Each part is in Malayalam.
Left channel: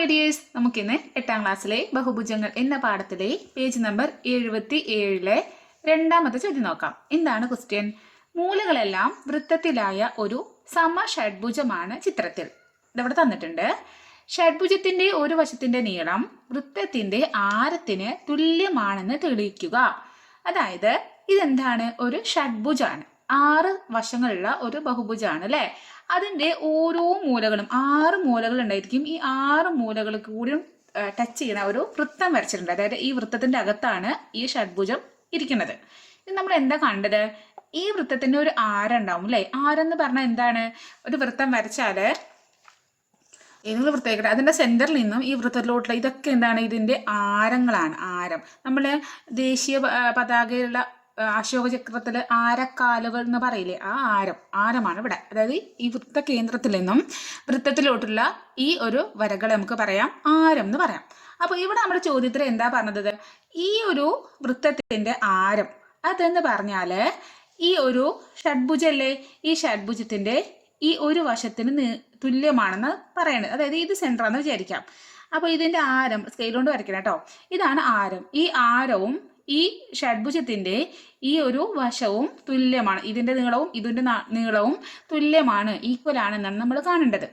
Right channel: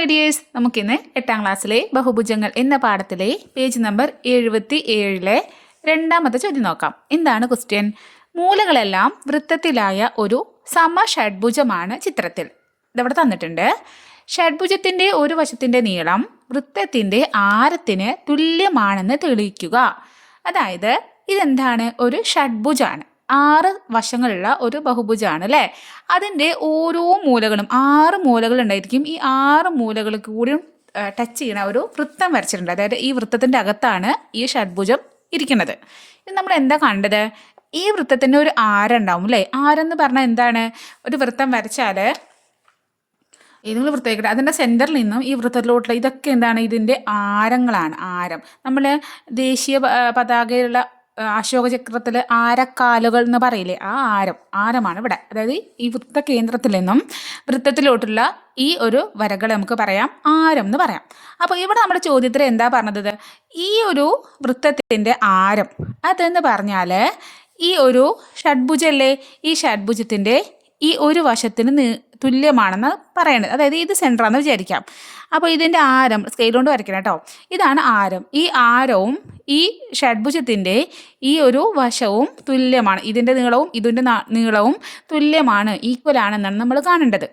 ഐഡിയേഴ്സ് നമുക്കിന്ന് എട്ടാം ക്ലാസ്സിലെ ബഹുഭുജങ്ങൾ എന്ന പാഠത്തിലെ പേജ് നമ്പർ എഴുപത്തി ഏഴിലെ രണ്ടാമത്തെ ചോദ്യം നോക്കാം. എന്താണ് ക്വസ്റ്റ്യൻ? മൂലകളെല്ലാം വൃത്തത്തിലായ ഒരു സമ ഷഡ്ഭുജമാണ് ചിത്രത്തിൽ. ഇതവിടെ തന്നിട്ടുണ്ട്. ഷഡ്ഭുജത്തിന്റെ ഒരു വശത്തിന്റെ നീളം വൃത്തത്തിന്റെ ആരത്തിന് തുല്യമാണെന്ന് തെളിയിക്കുക. അതായത് ഇതെന്താണ്? ഒരു ഷഡ്ഭുജാണ്. ആറ് വശങ്ങളുള്ള ഒരു ബഹുഭുജമാണ് അല്ലേ? അതിന്റെ ഓരോ മൂലകളും ആറ് മൂലകൾ ഉണ്ടായിരിക്കും ഈ ആറ് മൂലകൾ കൂടി ടച്ച് ചെയ്യുന്ന ഒരു വൃത്തം വരച്ചിട്ടുണ്ട്. അതായത് ഈ വൃത്തത്തിന്റെ അകത്താണ് ഈ ഷഡ്ഭുജം ഇരിക്കുന്നത്. ഇത് നമ്മൾ എന്താ കണ്ടത് ഈ വൃത്തത്തിന്റെ ഒരു ആരുണ്ടാവും അല്ലേ? ആരെന്ന് പറഞ്ഞാൽ എന്താണ്? ഒരു വൃത്തം വരച്ചാൽ ഏതെങ്കിലും വൃത്തമായിക്കട്ടെ അതിന്റെ സെന്ററിൽ നിന്നും ഈ വൃത്തത്തിലോട്ടുള്ള ഇതൊക്കെ എന്താണ്? ഇതിന്റെ ആരങ്ങളാണ് ആരം. നമ്മൾ ദേശീയ പതാകയിലുള്ള അശോക ചക്രത്തിൽ ആരക്കാലുകൾ എന്ന് പറയില്ലേ? ആ ആരം ആരമാണ് ഇവിടെ. അതായത് ഈ വൃത്ത കേന്ദ്രത്തിൽ നിന്നും വൃത്തത്തിലോട്ടുള്ള ഈ ഒരു വരകൾ നമുക്ക് പറയാം ആരം എന്ന് പറയാം. അപ്പോൾ ഇവിടെ നമ്മുടെ ചോദ്യത്തിൽ എന്താ പറഞ്ഞത്? ഈ ഒരു വൃത്തത്തിന്റെ ആരം അതെന്ന് പറഞ്ഞാൽ ഈ ഒരു ഷഡ്ഭുജല്ലേ? ഈ ഷഡ്ഭുജത്തിന്റെ ഈ ഒരു വശത്തിന് തുല്യമാണെന്ന് പറയണത്. അതായത് ഇത് സെന്ററാണെന്ന് വിചാരിക്കാം. അപ്പോൾ ഇതിന്റെ ആരം സ്കെയിൽ കൊണ്ട് വരയ്ക്കണം കേട്ടോ ഇതാണ് ആരം. ഈ ആരവും ഈ ഷഡ്ഭുജത്തിന്റെ ഈ ഒരു വശവും തുല്യമാണ്. ഇതിന്റെ നീളവും ഇതിന്റെ നീളവും തുല്യമാണ്. ഈക്വൽ ആണെന്നാണ് നമ്മൾ കാണേണ്ടത്.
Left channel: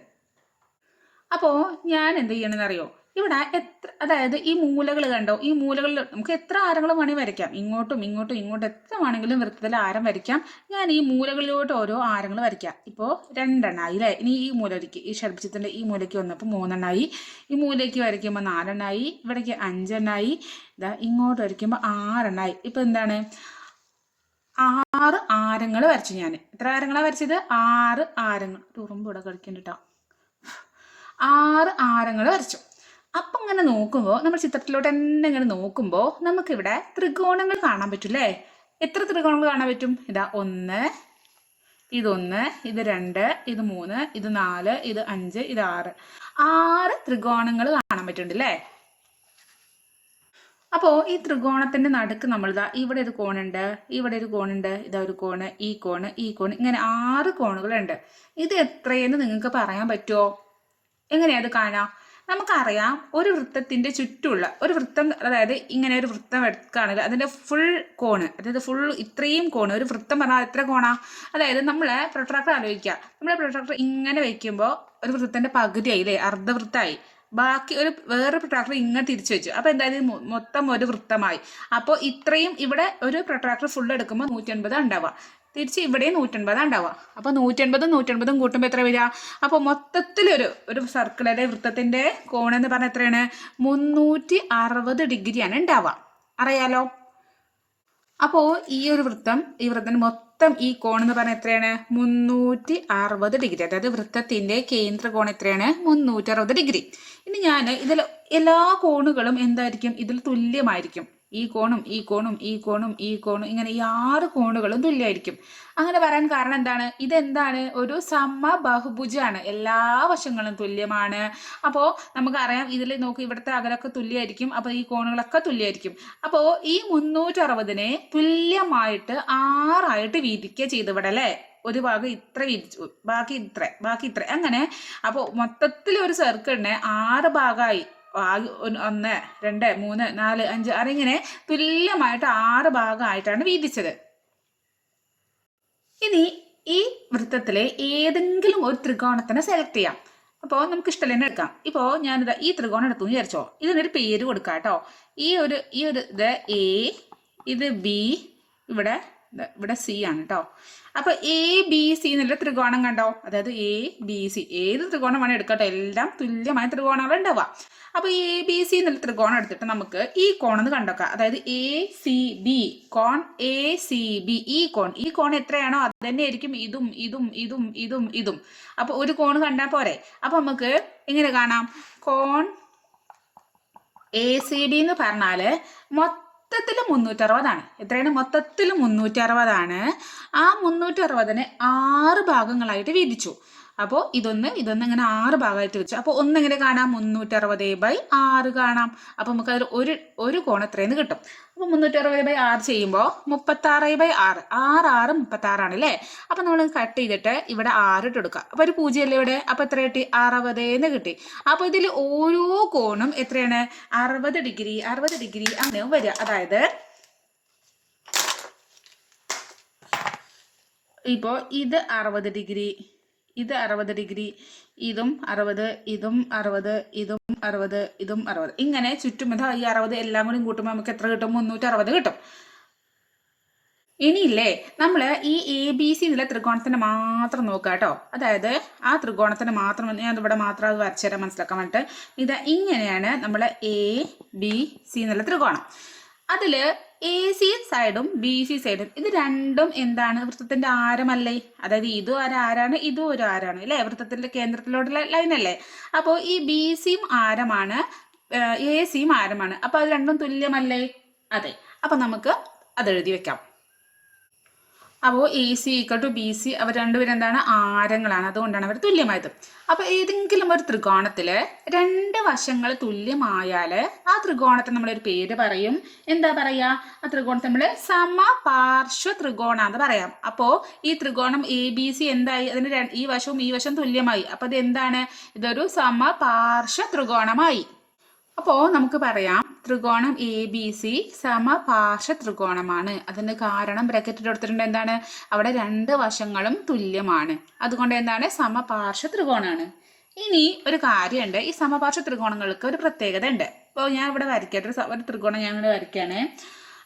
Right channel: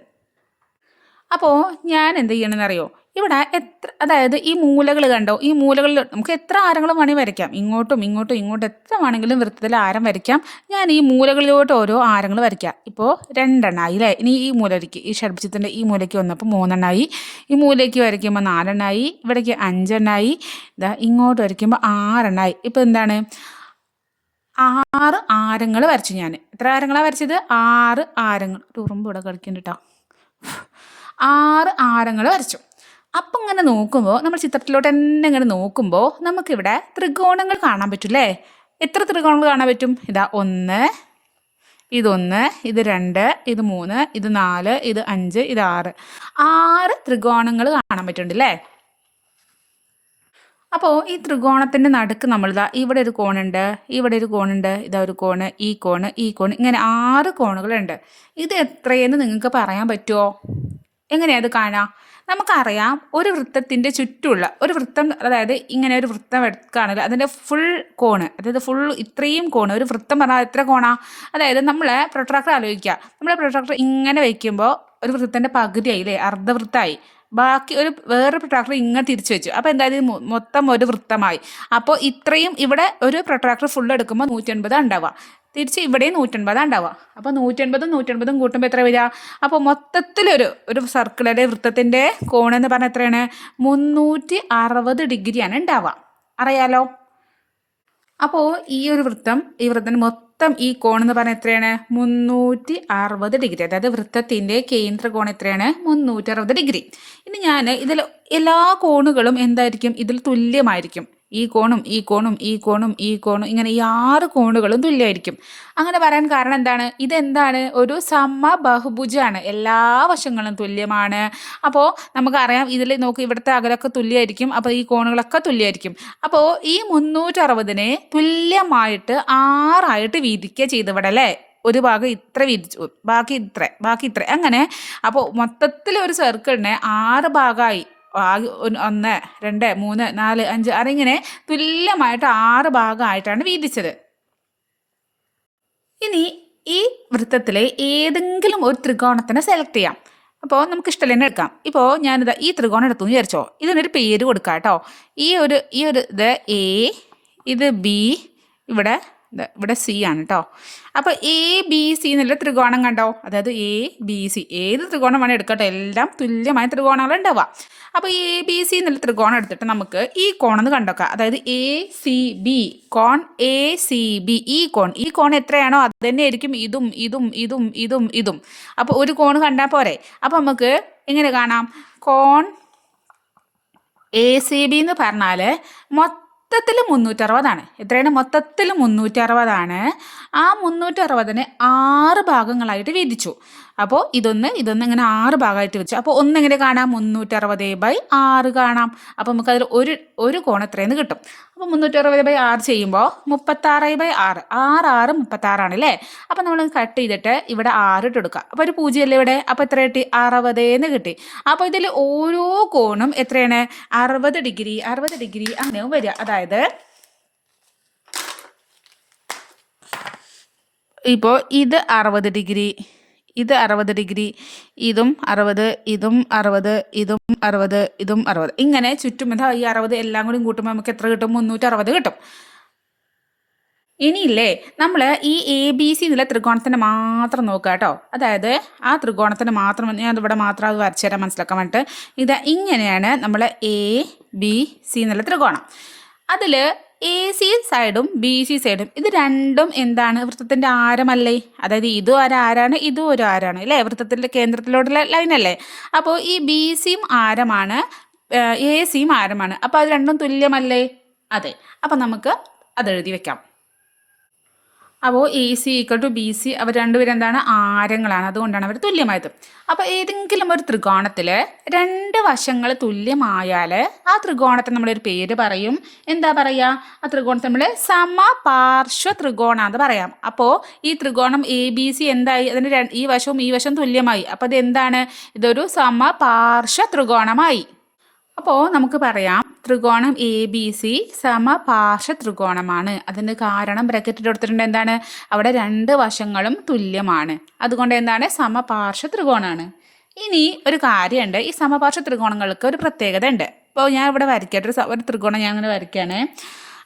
അപ്പോൾ ഞാൻ എന്ത് ചെയ്യണമെന്ന് അറിയോ ഇവിടെ എത്ര അതായത് ഈ മൂലകൾ കണ്ടോ? ഈ മൂലകളിൽ നമുക്ക് എത്ര ആരങ്ങൾ വേണമെങ്കിൽ വരയ്ക്കാം? ഇങ്ങോട്ടും ഇങ്ങോട്ടും ഇങ്ങോട്ടും എത്ര വേണമെങ്കിലും വൃത്തത്തിൽ ആരം വരയ്ക്കാം. ഞാൻ ഈ മൂലകളിലോട്ട് ഓരോ ആരങ്ങൾ വരയ്ക്കാം. ഇപ്പോൾ രണ്ടെണ്ണമായി അല്ലേ? ഇനി ഈ മൂലയ്ക്ക് ഈ ഷഡ്ഭുജത്തിന്റെ ഈ മൂലയ്ക്ക് വന്നപ്പോൾ മൂന്നെണ്ണമായി ഈ മൂലയ്ക്ക് വരയ്ക്കുമ്പോൾ നാലെണ്ണമായി ഇവിടേക്ക് അഞ്ചെണ്ണമായി ഇതാ ഇങ്ങോട്ട് വരയ്ക്കുമ്പോൾ ആറെണ്ണമായി ഇപ്പോൾ എന്താണ്? ആറ് ആരങ്ങൾ വരച്ചു ഞാൻ. എത്ര ആരങ്ങളാണ് വരച്ചത്? ആറ് ആരങ്ങൾ. ഉറുമ്പ് ഇവിടെ കളിക്കുന്നുണ്ട് കേട്ടോ. ആറ് ആരങ്ങൾ വരച്ചു. അപ്പം ഇങ്ങനെ നോക്കുമ്പോൾ നമ്മൾ ചിത്രത്തിലോട്ട് തന്നെ ഇങ്ങനെ നോക്കുമ്പോൾ നമുക്കിവിടെ ത്രികോണങ്ങൾ കാണാൻ പറ്റില്ലേ? എത്ര ത്രികോണങ്ങൾ കാണാൻ പറ്റും? ഇതാ ഒന്ന് ഇതൊന്ന് ഇത് രണ്ട് ഇത് മൂന്ന് ഇത് നാല് ഇത് അഞ്ച് ഇത് ആറ്. ആറ് ത്രികോണങ്ങൾ കാണാൻ പറ്റുന്നുണ്ട് അല്ലേ അപ്പോൾ ഈ ത്രികോണത്തിന്റെ നടുക്ക് നമ്മളിതാ ഇവിടെ ഒരു കോണുണ്ട് ഇവിടെ ഒരു കോണുണ്ട് ഇതാ ഒരു കോണ് ഈ കോണ് ഈ കോണ് ഇങ്ങനെ ആറ് കോണുകളുണ്ട്. ഇത് എത്രയെന്ന് നിങ്ങൾക്ക് പറയാൻ പറ്റുമോ എങ്ങനെയാണ് അത് കാണാം? നമുക്കറിയാം ഒരു വൃത്തത്തിന്റെ ചുറ്റുമുള്ള ഒരു വൃത്തം അതായത് ഇങ്ങനെ ഒരു വൃത്തം എടുക്കുകയാണെങ്കിൽ അതിന്റെ ഫുൾ കോണ് അതായത് ഫുൾ ഇത്രയും കോണ് ഒരു വൃത്തം പറഞ്ഞാൽ എത്ര കോണാ? അതായത് നമ്മൾ പ്രൊട്രാക്ടർ ആലോചിക്കുക. നമ്മൾ പ്രൊട്രാക്ടർ ഇങ്ങനെ വയ്ക്കുമ്പോൾ ഒരു വൃത്തത്തിന്റെ പകുതിയായി അല്ലേ അർദ്ധവൃത്തമായി ബാക്കി ഒരു വേറൊരു പ്രൊട്രാക്ടർ ഇങ്ങനെ തിരിച്ചു വെച്ചു. അപ്പോൾ എന്തായാലും മൊത്തം ഒരു വൃത്തമായി. അപ്പോൾ ഇത്രയും ഇവിടെ ഒരു പ്രൊട്രാക്ടർ ഫുൾ എടുക്കുമ്പോൾ നൂറ്റി നൂറ്റൻപത് ഉണ്ടാവുക. തിരിച്ച് ഇവിടെയും നൂറ്റൻപതാണ് ഉണ്ടാവുക. അപ്പോൾ നൂറ്റൻപതും നൂറ്റൻപതും കൂട്ടുമ്പോൾ എത്ര വരിക? അപ്പോൾ മൊത്തത്തിലൊരു ഒരു സർക്കിളിലെ വൃത്തത്തിന്റെ കോണെന്ന് പറഞ്ഞാൽ എത്രയാണ്? മുന്നൂറ്റി അറുപത് ഡിഗ്രിയാണ് ഉണ്ടാവുക. അറിയാലോ? അപ്പോൾ ഈ ഒരു വൃത്തം ഈ വൃത്തത്തിന് മൊത്തം ഈ കോൺ എന്ന് പറഞ്ഞാൽ എത്രയാണ്? മുന്നൂറ്റി അറുപത് ഡിഗ്രി അതായത് വൃത്തത്തിന്റെ കേന്ദ്ര കോൺ എത്രയാണ്? മുന്നൂറ്റി അറുപത് ഡിഗ്രി ഇനി ഞാൻ ഇതിൽ എല്ലാ കോണുകളും എന്തായിരിക്കും? ഇതിൽ തുല്യമായിരിക്കും. ഈ കോണും ഈ കോണും ഈ കോണും ഈ കോണും ഇങ്ങനെ ഈ ആറ് കോണുകളും തുല്യമായിരിക്കും. അങ്ങനെ പറയാൻ കാരണം എന്താണ്? ഇതെന്താണ്? ഒരു സമ ബഹുഭുജാണ് എല്ലാ വശങ്ങളും തുല്യമാണ്. അപ്പോൾ നമുക്കറിയാം ഇതിൽ നോക്കി ഇവിടുത്തെ അകലൊക്കെ തുല്യമായിരിക്കും. അപ്പോൾ ഈ കോണുകളൊക്കെ തുല്യമായിരിക്കും. അപ്പോൾ ഈ മുന്നൂറ്ററുപതിനെ തുല്യമായിട്ട് ആറായിട്ട് വീതിക്കുക ചെയ്തവിടെ അല്ലേ? ഒരു ഭാഗം ഇത്ര വിരിച്ചു ബാക്കി ഇത്ര ബാക്കി ഇത്ര. അങ്ങനെ അപ്പോൾ മൊത്തത്തിൽ ഒരു സർക്കിളിനെ ആറ് ഭാഗമായി ഒന്ന് രണ്ട് മൂന്ന് നാല് അഞ്ച് അറിങ്ങനെ തുല്യമായിട്ട് ആറ് ഭാഗമായിട്ടാണ് വീതിച്ചത്. ഇനി ഈ വൃത്തത്തിലെ ഏതെങ്കിലും ഒരു ത്രികോണത്തിനെ സെലക്ട് ചെയ്യാം. അപ്പോൾ നമുക്ക് ഇഷ്ടം തന്നെ എടുക്കാം. ഇപ്പോൾ ഞാനിത് ഈ ത്രികോണം എടുത്തു എന്ന് വിചാരിച്ചോ? ഇതിനൊരു പേര് കൊടുക്കാം കേട്ടോ ഈ ഒരു ഈ ഒരു ഇത് എ ഇത് ബി ഇവിടെ ഇവിടെ സി ആണ് കേട്ടോ അപ്പോൾ എ ബി സി എന്നുള്ള ത്രികോണം കണ്ടോ? അതായത് എ ബി സി ഏത് ത്രികോണം വേണേൽ എടുക്കട്ടെ. എല്ലാം തുല്യമായ ത്രികോണങ്ങൾ ഉണ്ടാവുക. അപ്പോൾ എ ബി സി എന്നുള്ള ത്രികോണം എടുത്തിട്ട് നമുക്ക് ഈ കോണെന്ന് കണ്ടോക്കാം. അതായത് എ സി ബി കോൺ എ സി ബി ഈ കോൺ. ഈ കോൺ എത്രയാണോ അത് തന്നെ ആയിരിക്കും. ഇതും ഇതും ഇതും ഇതും ഇതും. അപ്പോൾ ഒരു കോൺ കണ്ടാൽ പോരെ. അപ്പോൾ നമുക്ക് എങ്ങനെ കാണാം? കോൺ എ സി ബി എന്ന് പറഞ്ഞാൽ മൊത്തത്തിൽ മുന്നൂറ്ററുപതാണ്. എത്രയാണ്? മൊത്തത്തിൽ മുന്നൂറ്ററുപതാണ്. ആ മുന്നൂറ്ററുപതിനെ ആറ് ഭാഗങ്ങളായിട്ട് വീതിച്ചു. അപ്പോൾ ഇതൊന്ന് ഇതൊന്ന് ഇങ്ങനെ ആറ് ഭാഗമായിട്ട് വെച്ചു. അപ്പോൾ ഒന്നെങ്ങനെ കാണാം? മുന്നൂറ്ററുപത് ബൈ ആറ് കാണാം. അപ്പോൾ നമുക്കതിൽ ഒരു ഒരു കോൺ എത്രയെന്ന് കിട്ടും. അപ്പോൾ മുന്നൂറ്ററുപത് ബൈ ആറ് ചെയ്യുമ്പോൾ മുപ്പത്താറ് ബൈ ആറ്. ആറ് ആറ് മുപ്പത്താറാണ് അല്ലേ? അപ്പോൾ നമ്മൾ കട്ട് ചെയ്തിട്ട് ഇവിടെ ആറ് ഇട്ട് കൊടുക്കുക. അപ്പോൾ ഒരു പൂജ്യമല്ലേ ഇവിടെ? അപ്പോൾ എത്ര കിട്ടി? അറുപതേന്ന് കിട്ടി. അപ്പോൾ ഇതിൽ ഓരോ കോണും എത്രയാണ്? അറുപത് ഡിഗ്രി അറുപത് ഡിഗ്രി അങ്ങനെ വരിക. അതായത് ഇപ്പോൾ ഇത് അറുപത് ഡിഗ്രി ഇത് അറുപത് ഡിഗ്രി ഇതും അറുപത് ഇതും അറുപത് ഇതും അറുപത് ഇതും അറുപത്. ഇങ്ങനെ ചുറ്റും ഇതാ ഈ അറുപത് എല്ലാം കൂടി കൂട്ടുമ്പോൾ നമുക്ക് എത്ര കിട്ടും? മുന്നൂറ്റി അറുപത് കിട്ടും. ഇനിയില്ലേ നമ്മൾ ഈ എ ബി സി എന്നുള്ള ത്രികോണത്തിന് മാത്രം നോക്കുക കേട്ടോ. അതായത് ആ ത്രികോണത്തിന് മാത്രം ഞാൻ ഇവിടെ മാത്രം അത് വരച്ചു തരാൻ മനസ്സിലാക്കാൻ വേണ്ടിയിട്ട് ഇത് ഇങ്ങനെയാണ് നമ്മൾ എ ബി സി എന്നുള്ള ത്രികോണം. അതിൽ എ സി സൈഡും ബി സി സൈഡും ഇത് രണ്ടും എന്താണ്? വൃത്തത്തിന്റെ ആരമല്ലേ? അതായത് ഇതും ഒരു ആരാണ് ഇതും ഒരു ആരാണ്. അല്ലേ? വൃത്തത്തിന്റെ കേന്ദ്രത്തിലോട്ടുള്ള ലൈനല്ലേ അപ്പോൾ ഈ ബി സിയും ആരമാണ് എ സിയും ആരമാണ്. അപ്പോൾ അത് രണ്ടും തുല്യമല്ലേ? അതെ. അപ്പോൾ നമുക്ക് അത് എഴുതി വെക്കാം. അപ്പോൾ A C equal to B C അവർ രണ്ടുപേരും എന്താണ്? ആരങ്ങളാണ്. അതുകൊണ്ടാണ് അവർ തുല്യമായത്. അപ്പോൾ ഏതെങ്കിലും ഒരു ത്രികോണത്തിൽ രണ്ട് വശങ്ങൾ തുല്യമായാൽ ആ ത്രികോണത്തിന് നമ്മളൊരു പേര് പറയും. എന്താ പറയുക ആ ത്രികോണത്തെ നമ്മൾ സമപാർശ്വ ത്രികോണം എന്ന് പറയാം. അപ്പോൾ ഈ ത്രികോണം എ ബി സി എന്തായി? അതിന് ഈ വശവും ഈ വശവും തുല്യമായി. അപ്പോൾ ഇത് എന്താണ് ഇതൊരു സമപാർശ്വ ത്രികോണമായി. അപ്പോൾ നമുക്ക് പറയാം. ത്രികോണം എ ബി സി സമപാർശ്വ ത്രികോണമാണ്. അതിന് കാരണം ബ്രാക്കറ്റിൽ കൊടുത്തിട്ടുണ്ട്. എന്താണ്? അവിടെ രണ്ട് വശങ്ങളും തുല്യമാണ്. അതുകൊണ്ട് എന്താണ്? സമപാർശ്വ ത്രികോണമാണ് ഇനി ഒരു കാര്യമുണ്ട്. ഈ സമപാർശ്വ ത്രികോണങ്ങൾക്ക് ഒരു പ്രത്യേകത ഉണ്ട് ഇപ്പോൾ ഞാൻ ഇവിടെ വരയ്ക്കട്ടെ. ഒരു ഒരു ത്രികോണം ഞാൻ അങ്ങനെ വരയ്ക്കുകയാണ്.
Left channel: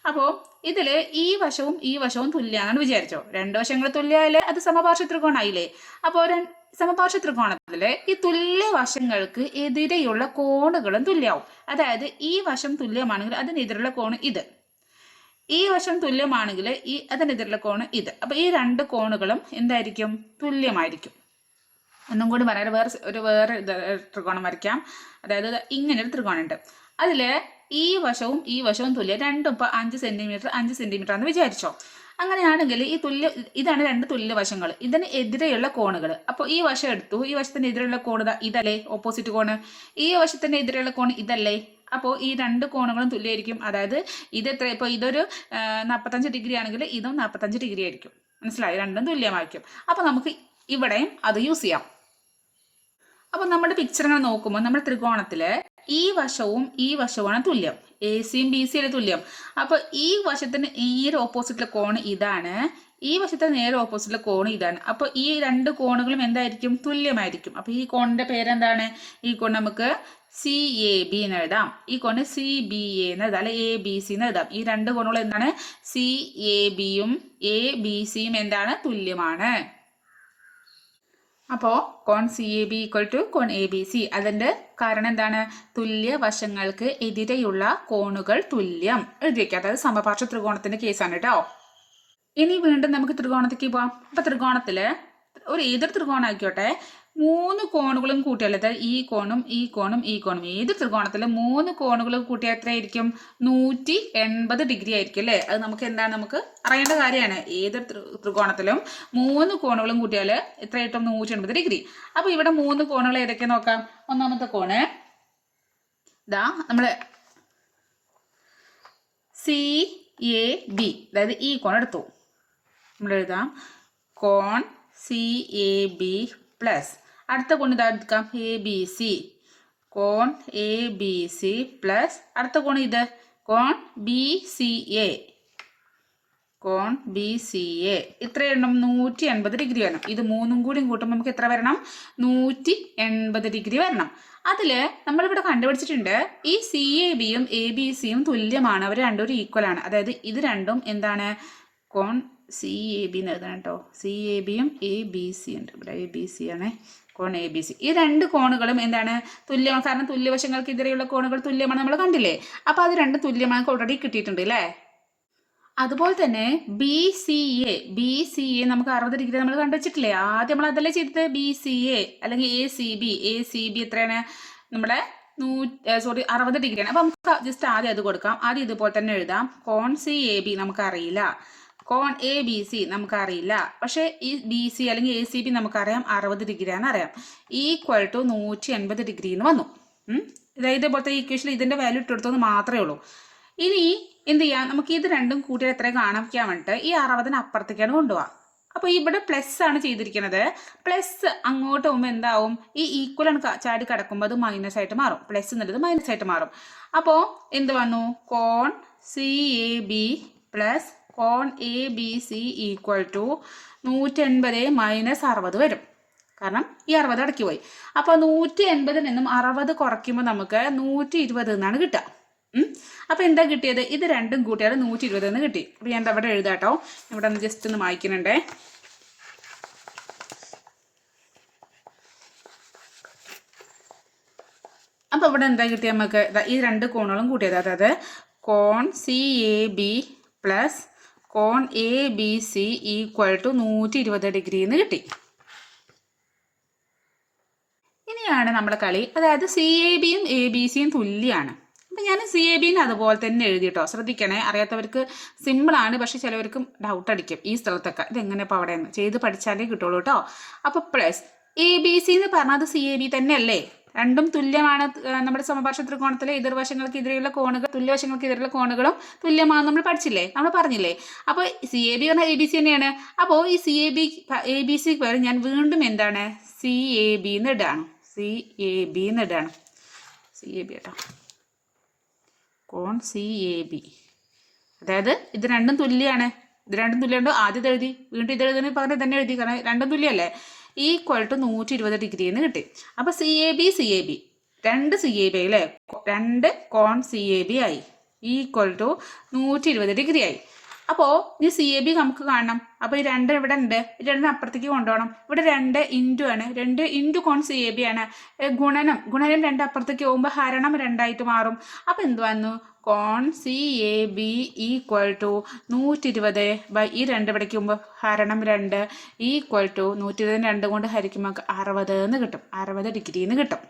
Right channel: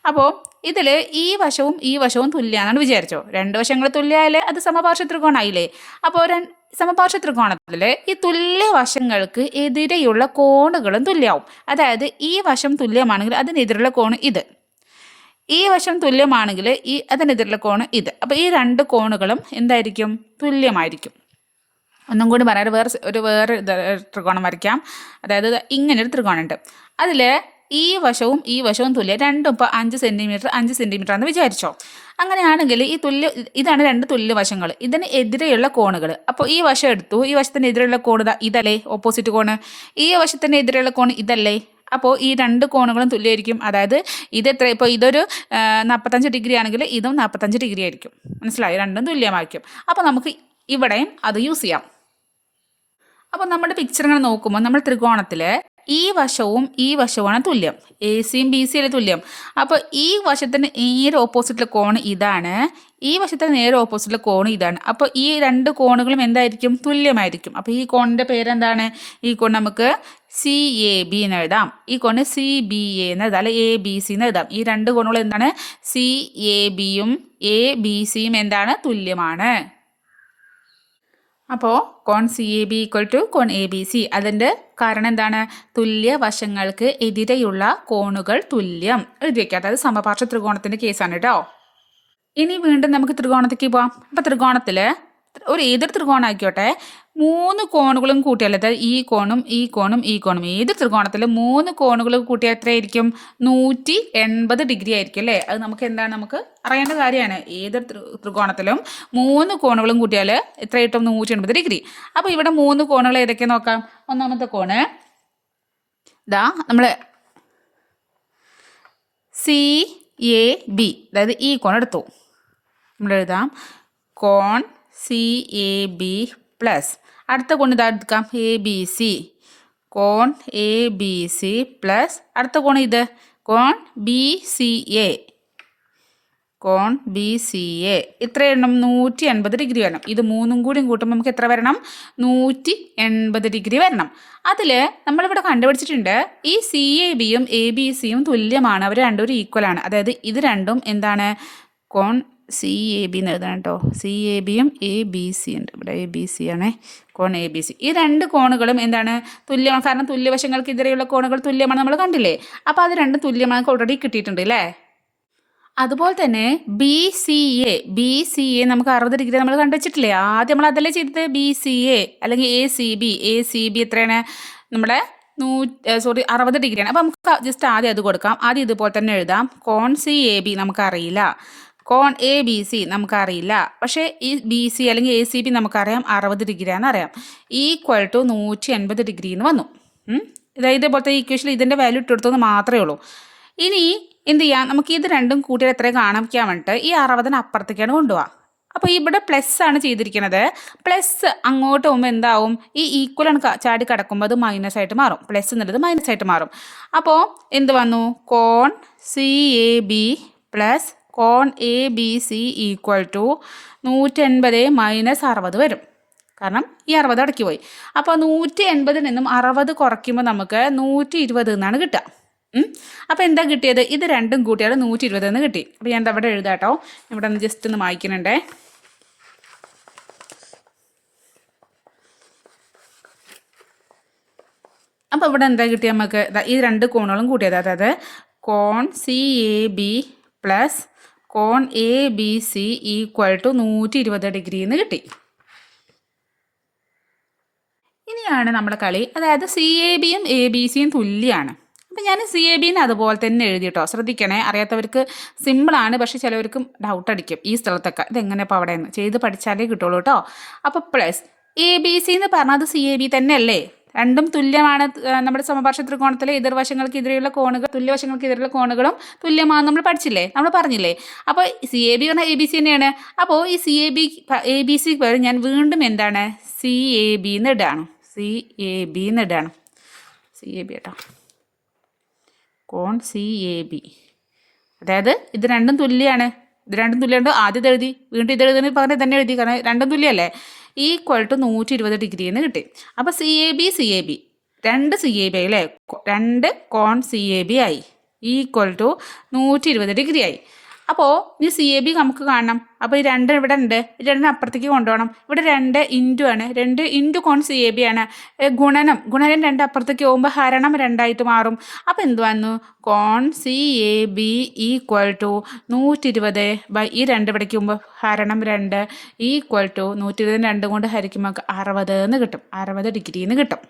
അപ്പോൾ ഇതിൽ ഈ വശവും ഈ വശവും തുല്യമാണെന്ന് വിചാരിച്ചോ. രണ്ട് വശങ്ങൾ തുല്യമായാലേ അത് സമപാർശ്വ ത്രികോണമായില്ലേ അപ്പോൾ സമപാർശ്വ ത്രികോണത്തിൽ ഈ തുല്യ വശങ്ങൾക്ക് എതിരെയുള്ള കോണുകളും തുല്യമാവും അതായത് ഈ വശം തുല്യമാണെങ്കിൽ അതിനെതിരുള്ള കോണ് ഇത്. ഈ വശം തുല്യമാണെങ്കിൽ ഈ അതിനെതിരുള്ള കോണ് ഇത്. അപ്പോൾ ഈ രണ്ട് കോണുകളും എന്തായിരിക്കും? തുല്യമായിരിക്കും. ഒന്നും കൂടി പറയാൻ വേറെ ഒരു വേറെ ത്രികോണം വരയ്ക്കാം. അതായത് ഇങ്ങനെ ഇങ്ങനൊരു ത്രികോണമുണ്ട് അതിൽ ഈ വശവും ഈ വശവും തുല്യം. രണ്ടും ഇപ്പോൾ അഞ്ച് സെന്റിമീറ്റർ അഞ്ച് സെന്റിമീറ്റർ എന്ന് വിചാരിച്ചോ. അങ്ങനെയാണെങ്കിൽ ഈ തുല്യ ഇതാണ് രണ്ട് തുല്യ വശങ്ങൾ ഇതിന് എതിരെയുള്ള കോണുകൾ അപ്പോൾ ഈ വശം എടുത്തു. ഈ വശത്തിന് എതിരെയുള്ള കോണ് ഇതല്ലേ? ഓപ്പോസിറ്റ് കോണ്. ഈ വശത്തിന് എതിരെയുള്ള കോൺ ഇതല്ലേ? അപ്പോൾ ഈ രണ്ട് കോണുകളും തുല്യമായിരിക്കും അതായത് ഇത് എത്ര ഇപ്പോൾ ഇതൊരു നാൽപ്പത്തഞ്ച് ഡിഗ്രി ആണെങ്കിൽ ഇതും നാൽപ്പത്തഞ്ച് ഡിഗ്രി ആയിരിക്കും. മനസ്സിലായി? രണ്ടും തുല്യമായിരിക്കും. അപ്പോൾ നമുക്ക് ഇവിടെയും അത് യൂസ് ചെയ്യാം. അപ്പോൾ നമ്മുടെ പിക്ചർ ഇങ്ങനെ നോക്കുമ്പോൾ നമ്മൾ ത്രികോണത്തിൽ ഈ വശവും ഈ വശവുമാണ് തുല്യം. എ സിയും ബി സിയുടെ തുല്യം. അപ്പോൾ ഈ വശത്തിന് നേരെ ഓപ്പോസിറ്റിലെ കോൺ ഇതാണ്. ഈ വശത്തെ നേരെ ഓപ്പോസിറ്റിലെ കോൺ ഇതാണ്. അപ്പോൾ ഈ രണ്ട് കോണുകളും എന്തായിരിക്കും? തുല്യമായിരിക്കും. അപ്പോൾ ഈ കോണിന്റെ പേരെന്താണ്? ഈ കോൺ നമുക്ക് സി എ ബി എന്ന് എഴുതാം. ഈ കോണ് സി ബി എ എന്ന് എഴുതാം അല്ലെ എ ബി സി എന്ന് എഴുതാം. ഈ രണ്ട് കോണുകൾ എന്താണ്? സി എ ബിയും എ ബി സിയും എന്താണ്? തുല്യമാണ്. അപ്പോൾ കോൺ C A B equal to cone A B C. അതിന്റെ കാരണം എന്താണ്? തുല്യ വശങ്ങൾക്ക് എതിരെയുള്ള കോണുകൾ തുല്യം. എഴുതി വയ്ക്കുക അതായത് സമപാർശ്വ ത്രികോണത്തിന്റെ കേസാണ് കേട്ടോ. ഇനി വീണ്ടും നമുക്ക് ത്രികോണത്തേക്ക് പോവാം. അപ്പോൾ ത്രികോണത്തിൽ ഒരു ഏതൊരു ത്രികോണം മൂന്ന് കോണുകളും കൂട്ടിയാൽ അതായത് ഈ കോണും ഈ കോണും ഈ കോണും ഏത് ത്രികോണത്തിൽ മൂന്ന് കോണുകൾ കൂട്ടിയാൽ എത്രയായിരിക്കും? നൂറ്റി എൺപത് ഡിഗ്രി ആയിരിക്കും അല്ലേ? അത് നമുക്ക് എന്താണ് നമുക്ക് അറിയേണ്ട കാര്യമാണ്. ഏത് ത്രികോണത്തിലും മൂന്ന് കോണുകളും കൂട്ടിയാൽ എത്ര കിട്ടും? നൂറ്റി എൺപത് ഡിഗ്രി. അപ്പോൾ ഇവിടെ മൂന്ന് കോണുകൾ ഏതൊക്കെ നോക്കാം? ഒന്നാമത്തെ കോണ്. ഇതാ നമ്മൾ സി എ ബി. അതായത് ഈ കോൺ എടുത്തു. നമ്മൾ എഴുതാം കോൺ സി എ ബി പ്ലസ് അടുത്ത കോൺ ഇതാ എടുക്കാം. എ ബി സി കോൺ എ ബി സി പ്ലസ് അടുത്ത കോൺ ഇത്. കോൺ ബി സി എ കോൺ ബി സി എ ഇത്ര എണ്ണം നൂറ്റി എൺപത് ഡിഗ്രി വരണം. ഇത് മൂന്നും കൂടിയും കൂട്ടുമ്പോൾ നമുക്ക് എത്ര വരണം? നൂറ്റി എൺപത് ഡിഗ്രി വരണം. അതിൽ നമ്മളിവിടെ കണ്ടുപിടിച്ചിട്ടുണ്ട് ഈ സി എ ബിയും എ ബി സിയും തുല്യമാണ്. അവർ രണ്ടും ഈക്വൽ ആണ്. അതായത് ഇത് രണ്ടും എന്താണ്? കോൺ സി എ ബി എന്ന് എഴുതണം കേട്ടോ. സി എ ബിയും എ ബി സി ഉണ്ട്. ഇവിടെ എ ബി സി ആണേ. കോൺ എ ബി സി. ഈ രണ്ട് കോണുകളും എന്താണ്? തുല്യമാണ് കാരണം തുല്യവശങ്ങൾക്ക് എതിരെയുള്ള കോണുകൾ തുല്യമാണ് നമ്മൾ കണ്ടില്ലേ? അപ്പോൾ അത് രണ്ടും തുല്യമാണ് ഓൾറെഡി കിട്ടിയിട്ടുണ്ട് അല്ലേ? അതുപോലെ തന്നെ B C A B C A നമുക്ക് അറുപത് ഡിഗ്രി നമ്മൾ കണ്ടുവച്ചിട്ടില്ലേ? ആദ്യം നമ്മൾ അതല്ലേ ചെയ്തത്? ബി സി എ അല്ലെങ്കിൽ A C B A C B എത്രയാണ്? നമ്മുടെ നൂ സോറി അറുപത് ഡിഗ്രിയാണ്. അപ്പോൾ നമുക്ക് ജസ്റ്റ് ആദ്യം അത് കൊടുക്കാം. ആദ്യം ഇതുപോലെ തന്നെ എഴുതാം. കോൺ സി എ ബി നമുക്കറിയില്ല കോൺ എ ബി സി നമുക്കറിയില്ല. പക്ഷേ ഈ ബി സി അല്ലെങ്കിൽ എ സി ബി നമുക്കറിയാം. അറുപത് ഡിഗ്രിയാണെന്ന് അറിയാം. ഈക്വൽ ടു നൂറ്റി എൺപത് ഡിഗ്രി എന്ന് വന്നു. ഇതായത് ഇതാ ഇതേപോലത്തെ ഈക്വേഷൻ ഇതിന്റെ വാല്യൂ ഇട്ടെടുത്തെന്ന് മാത്രമേ ഉള്ളൂ. ഇനി എന്ത് ചെയ്യാം? നമുക്ക് ഇത് രണ്ടും കൂട്ടിയാൽ എത്രയും കാണിക്കാൻ വേണ്ടിയിട്ട് ഈ അറുപതിന് അപ്പുറത്തേക്കാണ് കൊണ്ടുപോകാം അപ്പോൾ ഇവിടെ പ്ലസ് ആണ് ചെയ്തിരിക്കുന്നത് പ്ലസ് അങ്ങോട്ട് പോകുമ്പോൾ എന്താവും? ഈ ഈക്വൽ ആണ് ചാടി കിടക്കുമ്പോൾ അത് മൈനസ് ആയിട്ട് മാറും. പ്ലസ് എന്നുള്ളത് മൈനസ് ആയിട്ട് മാറും. അപ്പോൾ എന്ത് വന്നു? കോൺ C A B plus cone A B C equal to നൂറ്റൻപത് മൈനസ് അറുപത് വരും. കാരണം ഈ അറുപത് അടക്കി പോയി. അപ്പോൾ നൂറ്റി എൺപതിൽ നിന്നും അറുപത് കുറയ്ക്കുമ്പോൾ നമുക്ക് നൂറ്റി ഇരുപത് എന്നാണ് കിട്ടുക. അപ്പോൾ എന്താ കിട്ടിയത്? ഇത് രണ്ടും കൂട്ടിയാൽ നൂറ്റി ഇരുപത് എന്ന് കിട്ടി. അപ്പോൾ ഞാൻ അവിടെ എഴുതാട്ടോ ഇവിടെ ഒന്ന് ജസ്റ്റ് ഒന്ന് വായിക്കുന്നുണ്ടേ അപ്പോൾ ഇവിടെ എന്താ കിട്ടിയ നമുക്ക്? ഈ രണ്ട് കോണുകളും കൂട്ടിയത്. അതായത് കോൺ C A B plus cone A B C equal to നൂറ്റി ഇരുപത് ഡിഗ്രി എന്ന് കിട്ടി. ഇനിയാണ് നമ്മുടെ കളി. അതായത് സി എ ബിയും എ ബി സിയും തുല്യമാണ് അപ്പം ഞാൻ സി എ ബിന്ന് അതുപോലെ തന്നെ എഴുതി കേട്ടോ ശ്രദ്ധിക്കണേ. അറിയാത്തവർക്ക് സിമ്പിളാണ് പക്ഷെ ചിലവർക്ക് ഡൗട്ട് അടിക്കും. ഈ സ്ഥലത്തൊക്കെ. ഇതെങ്ങനെ ഇപ്പോൾ അവിടെ നിന്ന് ചെയ്ത് പഠിച്ചാലേ കിട്ടുള്ളൂ കേട്ടോ അപ്പോൾ പ്ലസ് എ ബി സി എന്ന് പറഞ്ഞാൽ സി എ ബി തന്നെയല്ലേ? രണ്ടും തുല്യമാണ് നമ്മുടെ സമപാർശ്വ ത്രികോണത്തിലെ എതിർവശങ്ങൾക്ക് എതിരെയുള്ള കോണുകൾ തുല്യവശങ്ങൾക്ക് എതിരെയുള്ള കോണുകളും തുല്യമാണ് നമ്മൾ പഠിച്ചില്ലേ? നമ്മൾ പറഞ്ഞില്ലേ? അപ്പോൾ സി എ ബി പറഞ്ഞാൽ എ ബി സി തന്നെയാണ്. അപ്പോൾ ഈ C A B A B C പകരം ഞാൻ വീണ്ടും എന്താണ്? സി എ ബി എന്ന് ഇടാണ് സി എ ബി എന്ന് ഇടാണ് സി എ ബി കേട്ടോ. കോൺ സി എ ബി അതായത് ഇത് രണ്ടും തുല്യമാണ് ഇത് രണ്ടും തുല്യമുണ്ട്. ആദ്യം എഴുതി. വീണ്ടും ഇത് എഴുതുന്നത് പറഞ്ഞ് തന്നെ എഴുതി. കാരണം രണ്ടും തുല്യമല്ലേ? ഈക്വൽ ടു നൂറ്റി ഇരുപത് ഡിഗ്രി എന്ന് കിട്ടി. അപ്പോൾ C A B C A B രണ്ട് സി എ ബി അല്ലേ? രണ്ട് കോൺ സി എ ബി ആയി. ഈക്വൽ ടു നൂറ്റി ഇരുപത് ഡിഗ്രി ആയി. അപ്പോൾ ഈ സി എ ബി നമുക്ക് കാണണം. അപ്പോൾ ഈ രണ്ട് ഇവിടെ ഉണ്ട്. രണ്ടിന് അപ്പുറത്തേക്ക് കൊണ്ടുപോകണം. ഇവിടെ രണ്ട് ഇന്റു ആണ്. രണ്ട് ഇന്റു കോൺ സി എ ബി ആണ്. ഗുണനം. ഗുണനം രണ്ട് അപ്പുറത്തേക്ക് പോകുമ്പോൾ ഹരണം രണ്ടായിട്ട് മാറും. അപ്പോൾ എന്ത് വന്നു? കോൺ C A B equal to നൂറ്റി ഇരുപത് ബൈ ഈ രണ്ട് ഇവിടേക്ക് പോകുമ്പോൾ ഹരണം രണ്ട് ഈക്വൽ ടു നൂറ്റി ഇരുപത് രണ്ട് കൊണ്ട് ഹരിക്കുമ്പോൾ അറുപത് എന്ന് കിട്ടും. അറുപത് ഡിഗ്രി എന്ന് കിട്ടും.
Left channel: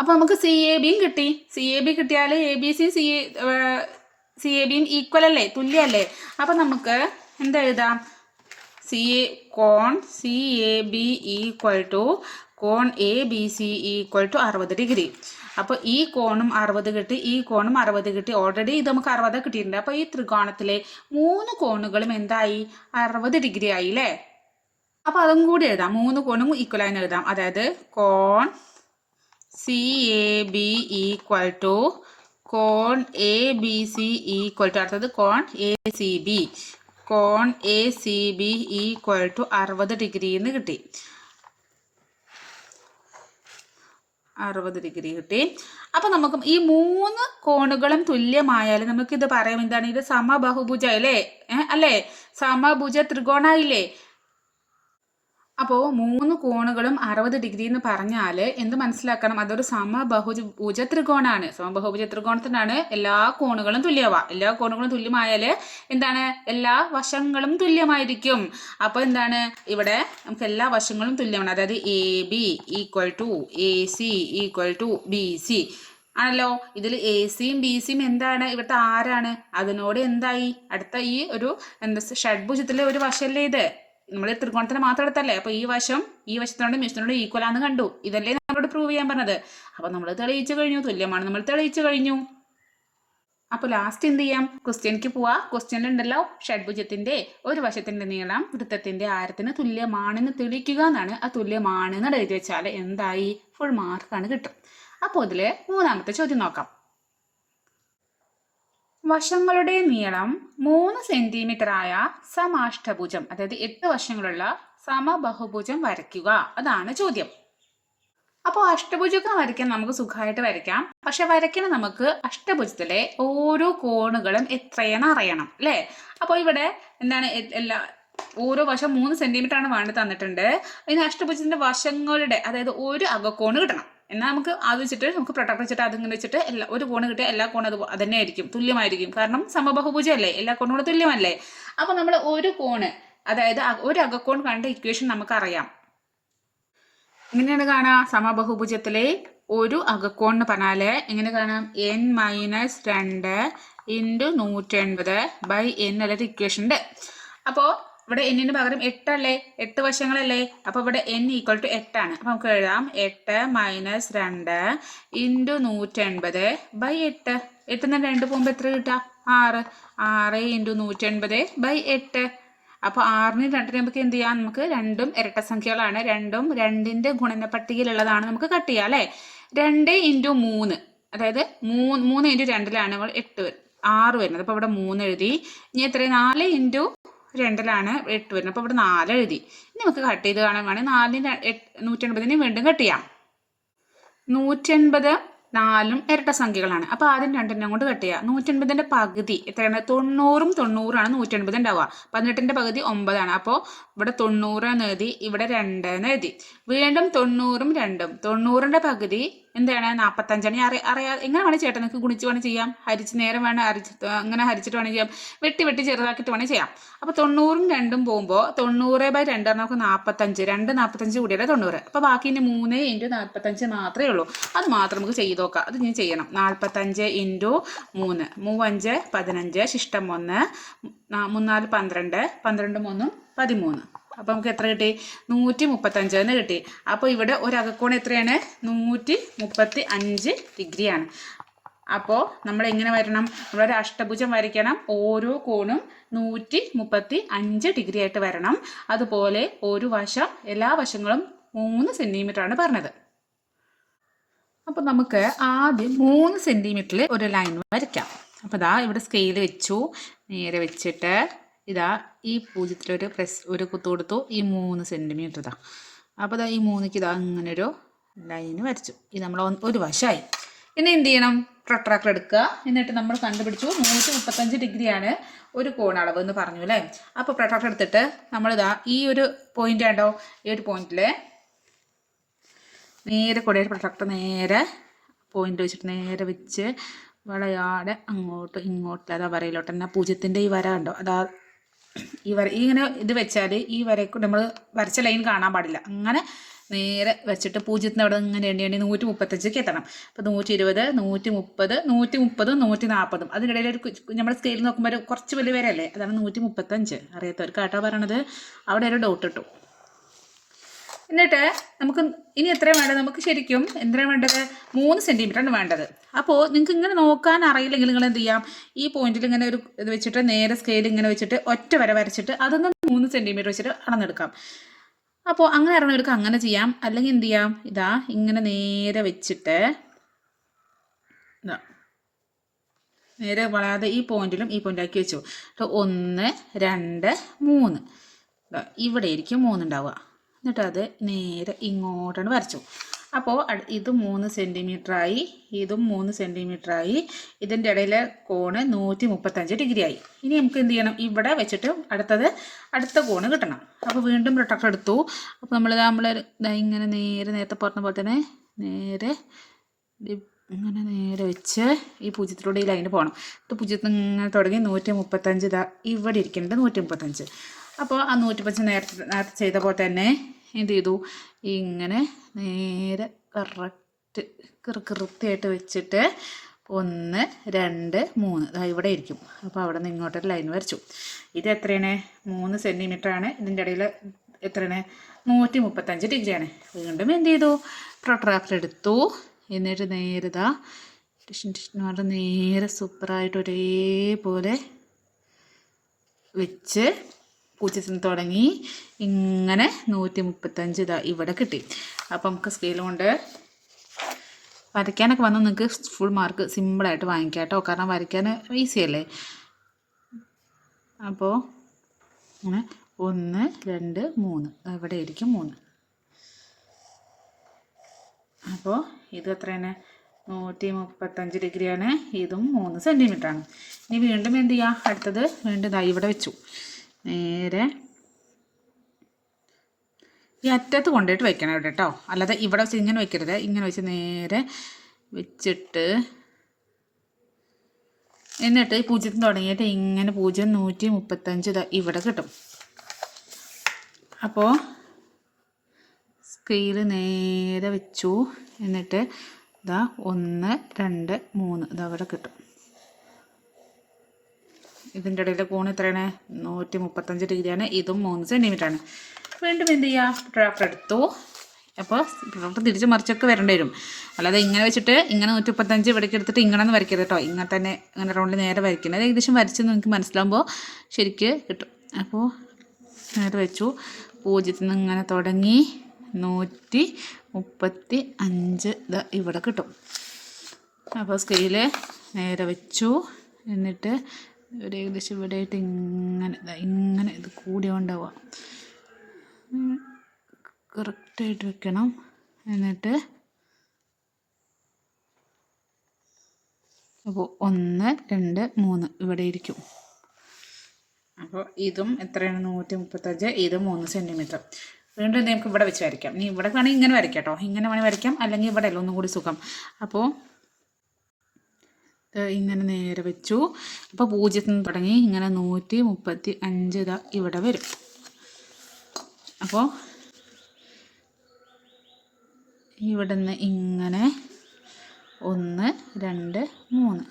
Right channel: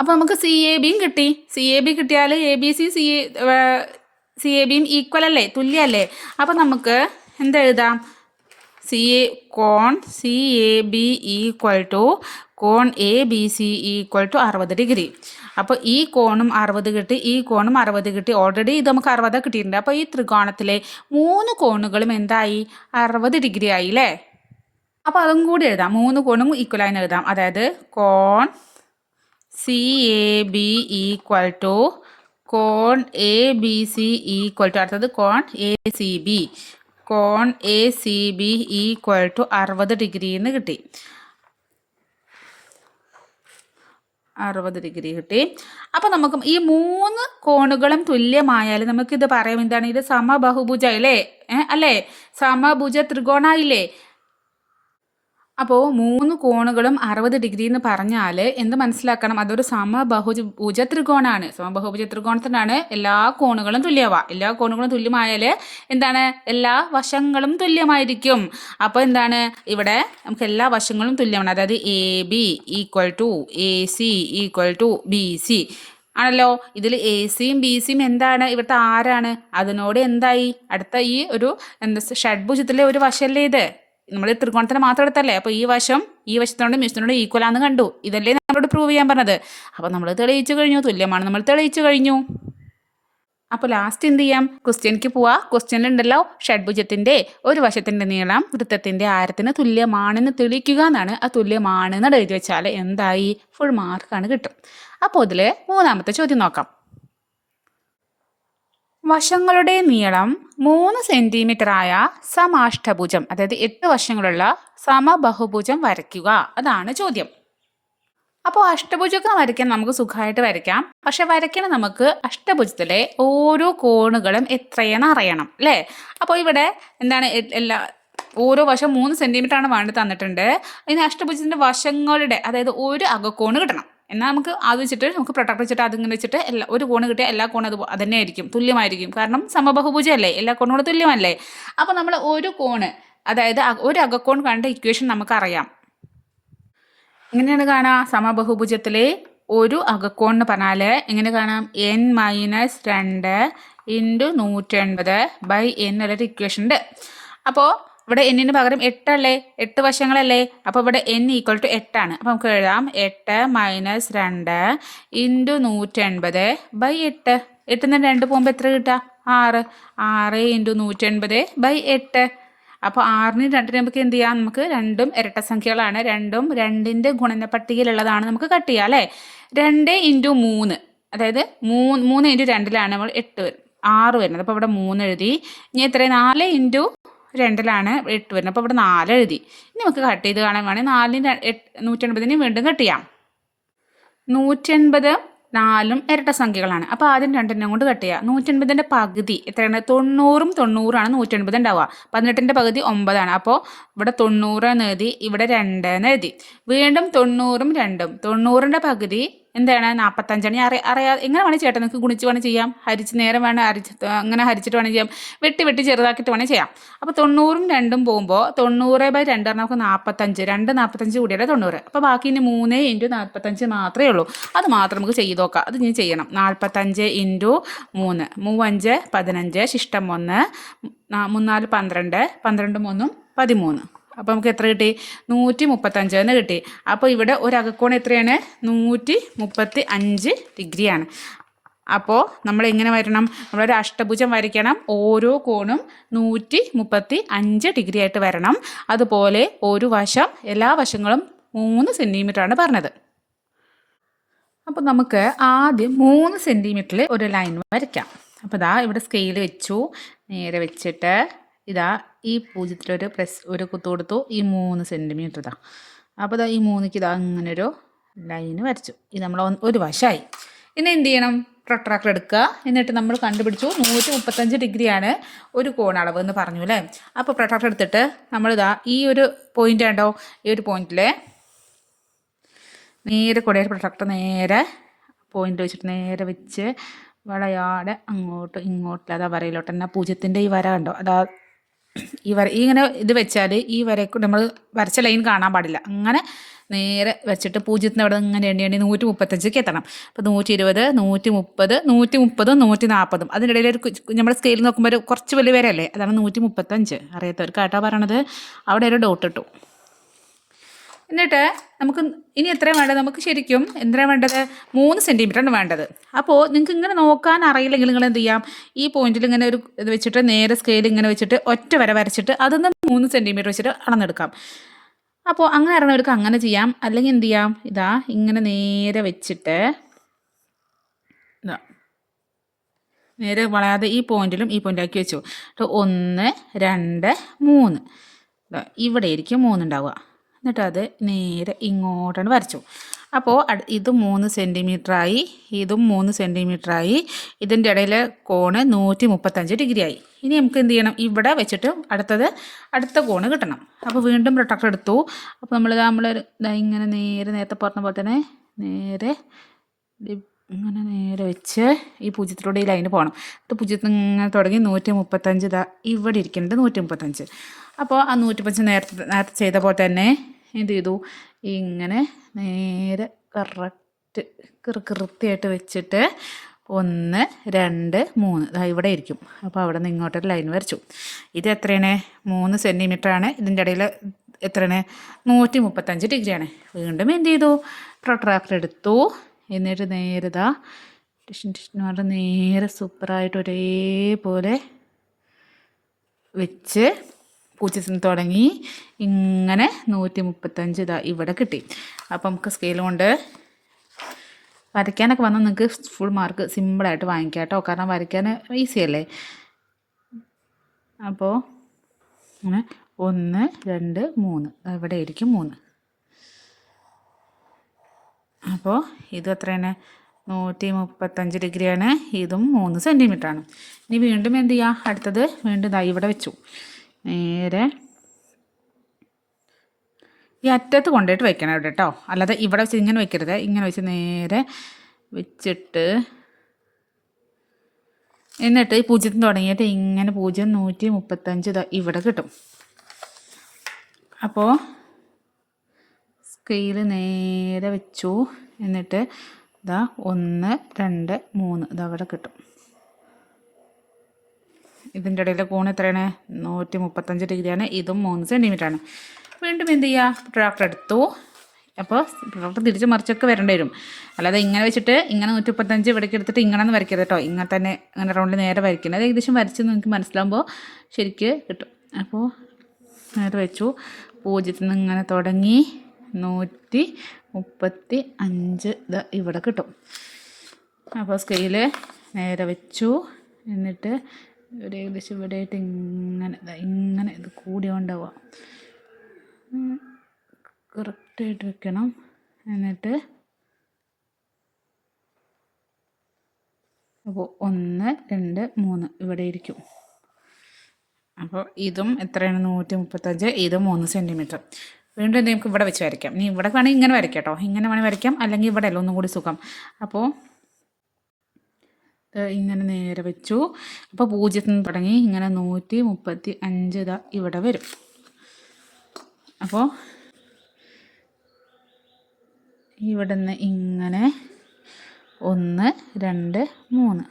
അപ്പോൾ നമുക്ക് സി എ ബിയും കിട്ടി. സി എ ബി കിട്ടിയാൽ A B C C C A ബിയും ഈക്വൽ അല്ലേ? തുല്യല്ലേ? അപ്പോൾ നമുക്ക് എന്താ എഴുതാം? C A cone C A B equal to cone A B C equal to അറുപത് ഡിഗ്രി. അപ്പോൾ ഈ കോണും അറുപത് കിട്ടി ഈ കോണും അറുപത് കിട്ടി. ഓൾറെഡി ഇത് നമുക്ക് അറുപത് കിട്ടിയിട്ടുണ്ട്. അപ്പോൾ ഈ ത്രികോണത്തിലെ മൂന്ന് കോണുകളും എന്തായി? അറുപത് ഡിഗ്രി ആയി അല്ലേ? അപ്പോൾ അതും കൂടി എഴുതാം. മൂന്ന് കോണും ഈക്വൽ ആയി എഴുതാം. അതായത് കോൺ C A B equal to cone A B C equal to അടുത്തത് കോൺ A C B. Cone A C B equal to അറുപത് ഡിഗ്രി എന്ന് കിട്ടി. അറുപത് ഡിഗ്രി കിട്ടി. അപ്പം നമുക്ക് ഈ മൂന്ന് കോണുകളും തുല്യമായാൽ നമുക്കിത് പറയാം. എന്താണ്? ഇത് സമബഹുഭുജ അല്ലേ? അല്ലേ? സമഭുജ ത്രികോണായില്ലേ? അപ്പോൾ മൂന്ന് കോണുകളും അറുപത് ഡിഗ്രി എന്ന് പറഞ്ഞാൽ എന്ത് മനസ്സിലാക്കണം? അതൊരു സമബഹുജ ഭുജ ത്രികോണാണ് സമബഹുഭുജ ത്രികോണത്തിനാണ് എല്ലാ കോണുകളും തുല്യമാവുക എല്ലാ കോണുകളും തുല്യമായാൽ എന്താണ്? എല്ലാ വശങ്ങളും തുല്യമായിരിക്കും. അപ്പോൾ എന്താണ്? ഇവിടെ നമുക്ക് എല്ലാ വശങ്ങളും തുല്യമാണ്. അതായത് A B equal to A C equal to B C ആണല്ലോ? ഇതിൽ എ സിയും ബി സിയും എന്താണ്? ഇവിടുത്തെ ആരാണ്? അതിനോട് എന്തായി? അടുത്ത ഈ ഒരു എന്താ ഷഡ്ഭുജത്തിലെ ഒരു വശമല്ലേ ഇത്? നമ്മൾ ത്രികോണത്തിന് മാത്രം എടുത്തല്ലേ? അപ്പോൾ ഈ വശം ഈ വശത്തിനോട് മിഷത്തിനോട് ഈക്വൽ ആണെന്ന് കണ്ടു. ഇതല്ലേ നമ്മളോട് പ്രൂവ് ചെയ്യാൻ പറഞ്ഞത്. അപ്പോൾ നമ്മൾ തെളിയിച്ചു കഴിഞ്ഞു. തുല്യമാണ് നമ്മൾ തെളിയിച്ചു കഴിഞ്ഞു. അപ്പോൾ ലാസ്റ്റ് എന്ത് ചെയ്യാം? ക്വസ്റ്റ്യനിക്ക് പോവാ. ക്വസ്റ്റ്യനിലുണ്ടല്ലോ ഷഡ്ഭുജത്തിന്റെ ഒരു വശത്തിന്റെ നീളം വൃത്തത്തിന്റെ ആരത്തിന് തുല്യമാണെന്ന് തെളിയിക്കുക എന്നാണ്. ആ തുല്യമാണെന്ന് എഴുതി വെച്ചാൽ എന്തായി? ഫുൾ മാർക്കാണ് കിട്ടും. അപ്പോൾ ഇതിൽ മൂന്നാമത്തെ ചോദ്യം നോക്കാം. വശങ്ങളുടെ നീളം മൂന്ന് സെന്റിമീറ്റർ ആയ സമാഷ്ടഭുജം അതായത് എട്ട് വശങ്ങളുള്ള സമബഹുഭുജം വരയ്ക്കുക. അതാണ് ചോദ്യം. അപ്പോൾ അഷ്ടഭുജമൊക്കെ വരയ്ക്കാൻ നമുക്ക് സുഖമായിട്ട് വരയ്ക്കാം. പക്ഷെ വരയ്ക്കണം നമുക്ക് അഷ്ടഭുജത്തിലെ ഓരോ കോണുകളും എത്രയെന്ന് അറിയണം അല്ലേ? അപ്പോൾ ഇവിടെ എന്താണ് എല്ലാ ഓരോ വശം മൂന്ന് സെന്റിമീറ്റർ ആണ് വേണ്ടി തന്നിട്ടുണ്ട്. ഇനി അഷ്ടഭുജത്തിന്റെ വശങ്ങളുടെ അതായത് ഒരു അകക്കോണ് കിട്ടണം. എന്നാൽ നമുക്ക് അത് വെച്ചിട്ട് നമുക്ക് പ്രൊട്ടക്ട് വെച്ചിട്ട് അതിങ്ങനെ വെച്ചിട്ട് എല്ലാ ഒരു കോണ് കിട്ടിയാൽ എല്ലാ കോണും അത് അതന്നെ ആയിരിക്കും തുല്യമായിരിക്കും. കാരണം സമബഹുഭുജമല്ലേ എല്ലാ കോണുകളും തുല്യമല്ലേ? അപ്പോൾ നമ്മൾ ഒരു കോണ് അതായത് ഒരു അകക്കോൺ കണ്ട ഇക്വേഷൻ നമുക്കറിയാം എങ്ങനെയാണ് കാണാം? സമബഹുഭുജത്തിലെ ഒരു അകക്കോൺ എന്ന് പറഞ്ഞാൽ എങ്ങനെ കാണാം? എൻ മൈനസ് രണ്ട് ഇന്റു നൂറ്റൻപത് ബൈ എൻ എന്നുള്ളൊരു ഇക്വേഷൻ ഉണ്ട്. അപ്പോൾ ഇവിടെ എന്നിന് പകരം എട്ടല്ലേ? എട്ട് വശങ്ങളല്ലേ? അപ്പോൾ ഇവിടെ എൻ ഈക്വൽ ടു എട്ടാണ് അപ്പോൾ നമുക്ക് എഴുതാം. എട്ട് മൈനസ് രണ്ട് ഇന്റു നൂറ്റൻപത് ബൈ എട്ട്. എട്ടിൽ നിന്ന് രണ്ട് പോകുമ്പോൾ എത്ര കിട്ടുക? ആറ്. ആറ് ഇന്റു നൂറ്റൻപത് ബൈ എട്ട്. അപ്പോൾ ആറിനും രണ്ടിനും നമുക്ക് എന്ത് ചെയ്യാം? നമുക്ക് രണ്ടും ഇരട്ട സംഖ്യകളാണ്. രണ്ടും രണ്ടിന്റെ ഗുണന പട്ടികയിലുള്ളതാണ് നമുക്ക് കട്ട് ചെയ്യാം അല്ലേ? രണ്ട് ഇന്റു മൂന്ന്. അതായത് മൂന്ന് മൂന്ന് ഇന്റു രണ്ടിലാണ് നമ്മൾ എട്ട് ആറ് വരുന്നത്. അപ്പോൾ ഇവിടെ മൂന്ന് എഴുതി. ഇനി എത്ര നാല് ഇന്റു രണ്ടിലാണ് എട്ട് വരുന്നത്. അപ്പോൾ ഇവിടെ നാല് എഴുതി. ഇനി നമുക്ക് കട്ട് ചെയ്ത് കാണാൻ വേണമെങ്കിൽ നാലിന് നൂറ്റൻപതിന് വീണ്ടും കട്ട് ചെയ്യാം. നൂറ്റൻപത് നാലും ഇരട്ട സംഖ്യകളാണ്. അപ്പോൾ ആദ്യം രണ്ടെണ്ണം കൊണ്ട് കട്ട് ചെയ്യുക നൂറ്റൻപതിന്റെ പകുതി എത്രയാണ്? തൊണ്ണൂറും തൊണ്ണൂറാണ് നൂറ്റൻപത് ഉണ്ടാവുക. പതിനെട്ടിന്റെ പകുതി ഒമ്പതാണ്. അപ്പോൾ ഇവിടെ തൊണ്ണൂറ് എന്ന് എഴുതി ഇവിടെ രണ്ട് എന്ന് എഴുതി. വീണ്ടും തൊണ്ണൂറും രണ്ടും. തൊണ്ണൂറിന്റെ പകുതി എന്താണ് നാൽപ്പത്തഞ്ചണി അറി അറിയാ എങ്ങനെ വേണേൽ ചേട്ടൻ നിങ്ങൾക്ക് ഗുണിച്ച് വേണേൽ ചെയ്യാം. ഹരിച്ച് നേരം വേണം അരിച്ച് അങ്ങനെ ഹരിച്ചിട്ട് വേണേൽ ചെയ്യാം. വെട്ടി വെട്ടി ചെറുതാക്കിയിട്ട് വേണേൽ ചെയ്യാം. അപ്പോൾ തൊണ്ണൂറും രണ്ടും പോകുമ്പോൾ തൊണ്ണൂറ് ബൈ രണ്ട് നമുക്ക് നാൽപ്പത്തഞ്ച് രണ്ട് നാൽപ്പത്തഞ്ച് കൂടിയല്ലേ തൊണ്ണൂറ്. അപ്പോൾ ബാക്കി ഇനി മൂന്ന് ഇന്റു നാൽപ്പത്തഞ്ച് മാത്രമേ ഉള്ളൂ. അത് മാത്രം നമുക്ക് ചെയ്ത് നോക്കാം. അത് ഇനി ചെയ്യണം. നാൽപ്പത്തഞ്ച് ഇന്റു മൂന്ന്. മൂവഞ്ച് പതിനഞ്ച് ശിഷ്ടം ഒന്ന് മൂന്നാൽ പന്ത്രണ്ട്. പന്ത്രണ്ട് മൂന്നും പതിമൂന്ന്. അപ്പോൾ നമുക്ക് എത്ര കിട്ടി? നൂറ്റി മുപ്പത്തഞ്ച് എന്ന് കിട്ടി. അപ്പോൾ ഇവിടെ ഒരു അകക്കോൺ എത്രയാണ്? നൂറ്റി മുപ്പത്തി അഞ്ച് ഡിഗ്രിയാണ്. അപ്പോൾ നമ്മൾ എങ്ങനെ വരണം? നമ്മളൊരു അഷ്ടഭുജം വരയ്ക്കണം. ഓരോ കോണും നൂറ്റി മുപ്പത്തി അഞ്ച് ഡിഗ്രി ആയിട്ട് വരണം. അതുപോലെ ഒരു വശം എല്ലാ വശങ്ങളും മൂന്ന് സെന്റിമീറ്ററാണ് പറഞ്ഞത്. അപ്പോൾ നമുക്ക് ആദ്യം മൂന്ന് സെന്റിമീറ്ററിൽ ഒരു ലൈൻ വരയ്ക്കാം. അപ്പോൾ ഇതാ ഇവിടെ സ്കെയിൽ വെച്ചു. നേരെ വെച്ചിട്ട് ഇതാ ഈ പൂജ്യത്തിലൊരു പ്രസ് ഒരു കുത്തു കൊടുത്തു. ഈ മൂന്ന് സെന്റിമീറ്റർ ഇതാ. അപ്പോൾ ഇതാ ഈ മൂന്നിക്ക് ഇതാ അങ്ങനെ ഒരു വരച്ചു. ഇത് നമ്മൾ ഒരു വശമായി ഇനി എന്ത് ചെയ്യണം? പ്രൊട്രാക്ടർ എടുക്കുക. എന്നിട്ട് നമ്മൾ കണ്ടുപിടിച്ചു നൂറ്റി മുപ്പത്തഞ്ച് ഡിഗ്രിയാണ് ഒരു കോണളവ് എന്ന് പറഞ്ഞു അല്ലേ? അപ്പോൾ പ്രൊട്രാക്ടർ എടുത്തിട്ട് നമ്മളിതാ ഈ ഒരു പോയിന്റ് കണ്ടോ? ഈ ഒരു പോയിന്റിൽ നേരെ കൂടെ പ്രൊട്രാക്ടർ നേരെ പോയിന്റ് വെച്ചിട്ട് നേരെ വെച്ച് വളയാടെ അങ്ങോട്ട് ഇങ്ങോട്ട് അതാ വരയിലോട്ട് തന്നെ പൂജ്യത്തിന്റെ ഈ വര കണ്ടോ? അതാ ഈ വര ഇങ്ങനെ ഇത് വെച്ചാൽ ഈ വരക്ക് നമ്മൾ വരച്ച ലൈൻ കാണാൻ പാടില്ല. അങ്ങനെ നേരെ വെച്ചിട്ട് പൂജ്യത്തിന് അവിടെ ഇങ്ങനെ എണ്ണി എണ്ണി നൂറ്റി മുപ്പത്തഞ്ചൊക്കെ എത്തണം. അപ്പോൾ നൂറ്റി ഇരുപത് നൂറ്റി മുപ്പത് നൂറ്റി മുപ്പതും നൂറ്റി നാൽപ്പതും അതിനിടയിൽ ഒരു നമ്മൾ സ്കെയിൽ നോക്കുമ്പോൾ ഒരു കുറച്ച് വലിയ വരല്ലേ അതാണ് നൂറ്റി മുപ്പത്തഞ്ച് അറിയാത്തവർക്ക് കേട്ടോ പറയണത്. അവിടെ ഒരു ഡോട്ട് ഇട്ടു. എന്നിട്ട് നമുക്ക് ഇനി എത്രയാണ് വേണ്ടത്? നമുക്ക് ശരിക്കും എന്തിനാണ് വേണ്ടത്? മൂന്ന് സെന്റിമീറ്ററാണ് വേണ്ടത്. അപ്പോൾ നിങ്ങൾക്ക് ഇങ്ങനെ നോക്കാൻ അറിയില്ലെങ്കിൽ നിങ്ങൾ എന്ത് ചെയ്യാം? ഈ പോയിന്റിൽ ഇങ്ങനെ ഒരു ഇത് വെച്ചിട്ട് നേരെ സ്കെയിൽ ഇങ്ങനെ വെച്ചിട്ട് ഒറ്റ വര വരച്ചിട്ട് അതൊന്ന് മൂന്ന് സെന്റിമീറ്റർ വെച്ചിട്ട് അളന്നെടുക്കാം. അപ്പോൾ അങ്ങനെ അറിയണവർക്ക് അങ്ങനെ ചെയ്യാം. അല്ലെങ്കിൽ എന്ത് ചെയ്യാം? ഇതാ ഇങ്ങനെ നേരെ വെച്ചിട്ട് ഇതാ നേരെ വളയാതെ ഈ പോയിന്റിലും ഈ പോയിന്റാക്കി വെച്ചു. ഒന്ന് രണ്ട് മൂന്ന്. ഇവിടെ ആയിരിക്കും മൂന്നുണ്ടാവുക എന്നിട്ട് അത് നേരെ ഇങ്ങോട്ടാണ് വരച്ചു. അപ്പോൾ ഇത് മൂന്ന് സെന്റിമീറ്ററായി ഇതും മൂന്ന് സെന്റിമീറ്ററായി ഇതിന്റെ ഇടയിലെ കോണ് നൂറ്റി മുപ്പത്തഞ്ച് ഡിഗ്രി ആയി ഇനി നമുക്ക് എന്ത് ചെയ്യണം? ഇവിടെ വെച്ചിട്ട് അടുത്തത് അടുത്ത കോണ് കിട്ടണം. അപ്പോൾ വീണ്ടും പ്രൊട്ടക്ടർ എടുത്തു. അപ്പോൾ നമ്മൾ നമ്മൾ ഇങ്ങനെ നേരെ നേരത്തെ പറഞ്ഞ പോലെ തന്നെ നേരെ ഇങ്ങനെ നേരെ വെച്ച് ഈ പൂജ്യത്തിലൂടെ ഈ ലൈന് പോകണം. എന്നിട്ട് പൂജ്യത്തിൽ ഇങ്ങനെ തുടങ്ങി നൂറ്റി മുപ്പത്തഞ്ച് ഇതാ ഇവിടെ ഇരിക്കേണ്ടത് നൂറ്റി മുപ്പത്തഞ്ച് അപ്പോൾ ആ നൂറ്റി മുപ്പത്തഞ്ച് നേരത്തെ നേരത്തെ ചെയ്ത പോലെ തന്നെ എന്ത് ചെയ്തു? ഇങ്ങനെ നേരെ കറക്റ്റ് കൃത്യമായിട്ട് വെച്ചിട്ട് ഒന്ന് രണ്ട് മൂന്ന്. ഇവിടെ ഇരിക്കും. അപ്പോൾ അവിടെ നിന്ന് ഇങ്ങോട്ടൊരു ലൈൻ വരച്ചു. ഇത് എത്രയാണ്? മൂന്ന് സെന്റിമീറ്ററാണ് ഇതിന്റെ ഇടയിൽ എത്രയാണ്? നൂറ്റി മുപ്പത്തഞ്ച് ഡിഗ്രിയാണ് വീണ്ടും എന്ത് ചെയ്തു? പ്രൊട്രാക്ടർ എടുത്തു. എന്നിട്ട് നേരെ ടിഷൻ ടിഷൻ പറഞ്ഞാൽ നേരെ സൂപ്പറായിട്ട് ഒരേപോലെ വെച്ച് പൂജ്യത്തിൽ തുടങ്ങി. ഇങ്ങനെ നൂറ്റി മുപ്പത്തഞ്ച് ഇതാ ഇവിടെ കിട്ടി. അപ്പോൾ നമുക്ക് സ്കെയിൽ കൊണ്ട് വരയ്ക്കാനൊക്കെ വന്നാൽ നിങ്ങൾക്ക് ഫുൾ മാർക്ക് സിമ്പിളായിട്ട് വാങ്ങിക്കാം കേട്ടോ. കാരണം വരയ്ക്കാൻ ഈസി അല്ലേ? അപ്പോൾ ഒന്ന് രണ്ട് മൂന്ന്. ഇവിടെ ആയിരിക്കും മൂന്ന്. അപ്പോൾ ഇത് എത്രയാണ്? നൂറ്റി മുപ്പത്തഞ്ച് ഡിഗ്രിയാണ്. ഇതും മൂന്ന് സെന്റിമീറ്ററാണ് ഇനി വീണ്ടും എന്ത് ചെയ്യുക അടുത്തത് വീണ്ടും ഇതാ ഇവിടെ വെച്ചു. നേരെ ഈ അറ്റത്ത് കൊണ്ടുപോയിട്ട് വെക്കണം ഇവിടെ കേട്ടോ. അല്ലാതെ ഇവിടെ വെച്ച് ഇങ്ങനെ വെക്കരുത്. ഇങ്ങനെ വെച്ച് നേരെ വെച്ചിട്ട് എന്നിട്ട് ഈ പൂജ്യത്തിന് തുടങ്ങിയിട്ട് ഇങ്ങനെ പൂജ്യം നൂറ്റി മുപ്പത്തഞ്ച് ഇവിടെ കിട്ടും. അപ്പോൾ സ്കെയിൽ നേരെ വെച്ചു. എന്നിട്ട് ഇതാ ഒന്ന് രണ്ട് മൂന്ന് ഇതവിടെ കിട്ടും. ഇതിന്റെ ഇടയിലെ കോൺ എത്രയാണ്? നൂറ്റി മുപ്പത്തഞ്ച് ഡിഗ്രിയാണ്. ഇതും മൂന്ന് സെന്റിമീറ്റർ ആണ് വീണ്ടും എന്ത് ചെയ്യുക ഡ്രാഫ്റ്റ് എടുത്തു. അപ്പോൾ ഡ്രാഫ്റ്റ് തിരിച്ച് മറിച്ചൊക്കെ വരേണ്ടി വരും. അല്ലാതെ ഇങ്ങനെ വെച്ചിട്ട് ഇങ്ങനെ നൂറ്റി മുപ്പത്തഞ്ച് ഇവിടേക്ക് എടുത്തിട്ട് ഇങ്ങനെ വരയ്ക്കരുത് കേട്ടോ. ഇങ്ങനെ തന്നെ ഇങ്ങനെ റൗണ്ട് നേരെ വരയ്ക്കുന്നത് ഏകദേശം വരച്ച് നിങ്ങൾക്ക് മനസ്സിലാകുമ്പോൾ ശരിക്ക് കിട്ടും. അപ്പോൾ നേരെ വെച്ചു. പൂജ്യത്തിൽ നിന്ന് ഇങ്ങനെ തുടങ്ങി നൂറ്റി മുപ്പത്തി അഞ്ച് ഇത് ഇവിടെ കിട്ടും. അപ്പോൾ സ്കെയിൽ നേരെ വെച്ചു. എന്നിട്ട് ഒരു ഏകദേശം ഇവിടെ ആയിട്ട് ഇങ്ങനെ ഇങ്ങനെ ഇത് കൂടിയോണ്ടാവുക കറക്റ്റായിട്ട് വെക്കണം. എന്നിട്ട് അപ്പോൾ ഒന്ന് രണ്ട് മൂന്ന് ഇവിടെ ഇരിക്കും. അപ്പോൾ ഇതും എത്രയാണ്? നൂറ്റി മുപ്പത്തഞ്ച് ഇതും മൂന്ന് സെന്റിമീറ്റർ വീണ്ടും നമുക്ക് ഇവിടെ വെച്ച് വരയ്ക്കാം. നീ ഇവിടെ വേണമെങ്കിൽ ഇങ്ങനെ വരയ്ക്കാം കേട്ടോ. ഇങ്ങനെ വേണമെങ്കിൽ വരയ്ക്കാം. അല്ലെങ്കിൽ ഇവിടെ അല്ല ഒന്നും കൂടി സുഖം. അപ്പോൾ ഇങ്ങനെ നേരെ വെച്ചു. അപ്പോൾ പൂജ്യത്തിൽ നിന്ന് തുടങ്ങി. ഇങ്ങനെ നൂറ്റി മുപ്പത്തി അഞ്ച് ഇവിടെ വരും. അപ്പോൾ ഇവിടെ നിന്ന് ഇങ്ങനെ ഒന്ന് രണ്ട് മൂന്ന്.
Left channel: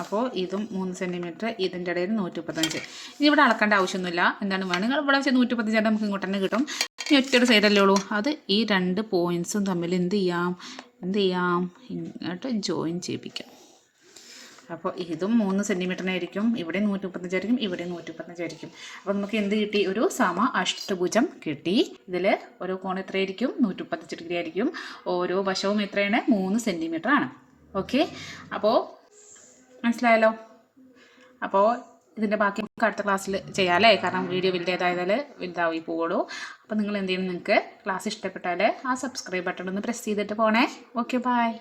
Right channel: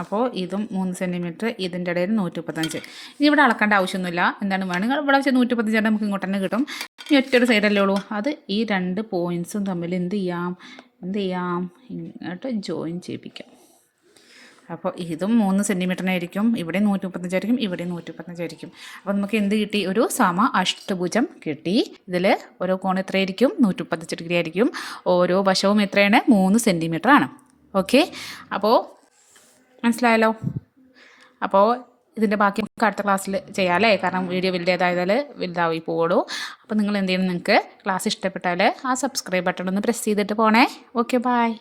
അപ്പോൾ ഇതും മൂന്ന് സെന്റിമീറ്റർ ഇതിന്റെ ഇടയിൽ നൂറ്റി മുപ്പത്തഞ്ച് ഇനി ഇവിടെ അളക്കേണ്ട ആവശ്യമൊന്നുമില്ല. എന്താണ് വേണമെങ്കിൽ ഇവിടെ വെച്ച് നൂറ്റി മുപ്പത്തഞ്ച് നമുക്ക് ഇങ്ങോട്ട് തന്നെ കിട്ടും. ഇനി ഒറ്റൊരു സൈഡല്ലേ ഉള്ളൂ. അത് ഈ രണ്ട് പോയിന്റ്സും തമ്മിൽ എന്ത് ചെയ്യാം? എന്ത് ചെയ്യാം? ഇങ്ങോട്ട് ജോയിൻ ചെയ്യിപ്പിക്കാം. അപ്പോൾ ഇതും മൂന്ന് സെന്റിമീറ്ററിനായിരിക്കും ഇവിടെ നൂറ്റി മുപ്പത്തഞ്ചായിരിക്കും ഇവിടെ നൂറ്റി മുപ്പത്തഞ്ചായിരിക്കും അപ്പോൾ നമുക്ക് എന്ത് കിട്ടി? ഒരു സമ അഷ്ടഭുജം കിട്ടി. ഇതിൽ ഓരോ കോൺ എത്രയായിരിക്കും? നൂറ്റി മുപ്പത്തഞ്ച് ഡിഗ്രി ആയിരിക്കും. ഓരോ വശവും എത്രയാണ്? മൂന്ന് സെന്റിമീറ്ററാണ് ഓക്കെ അപ്പോൾ മനസ്സിലായല്ലോ? അപ്പോൾ ഇതിന്റെ ബാക്കി നമുക്ക് അടുത്ത ക്ലാസ്സിൽ ചെയ്യാമല്ലേ കാരണം വീഡിയോ വലുതായതായാൽ വലുതായി പോവുള്ളൂ. അപ്പോൾ നിങ്ങൾ എന്ത് ചെയ്യണം നിങ്ങൾക്ക് ക്ലാസ് ഇഷ്ടപ്പെട്ടാൽ ആ സബ്സ്ക്രൈബ് ബട്ടൺ ഒന്ന് പ്രസ് ചെയ്തിട്ട് പോണേ. Okay bye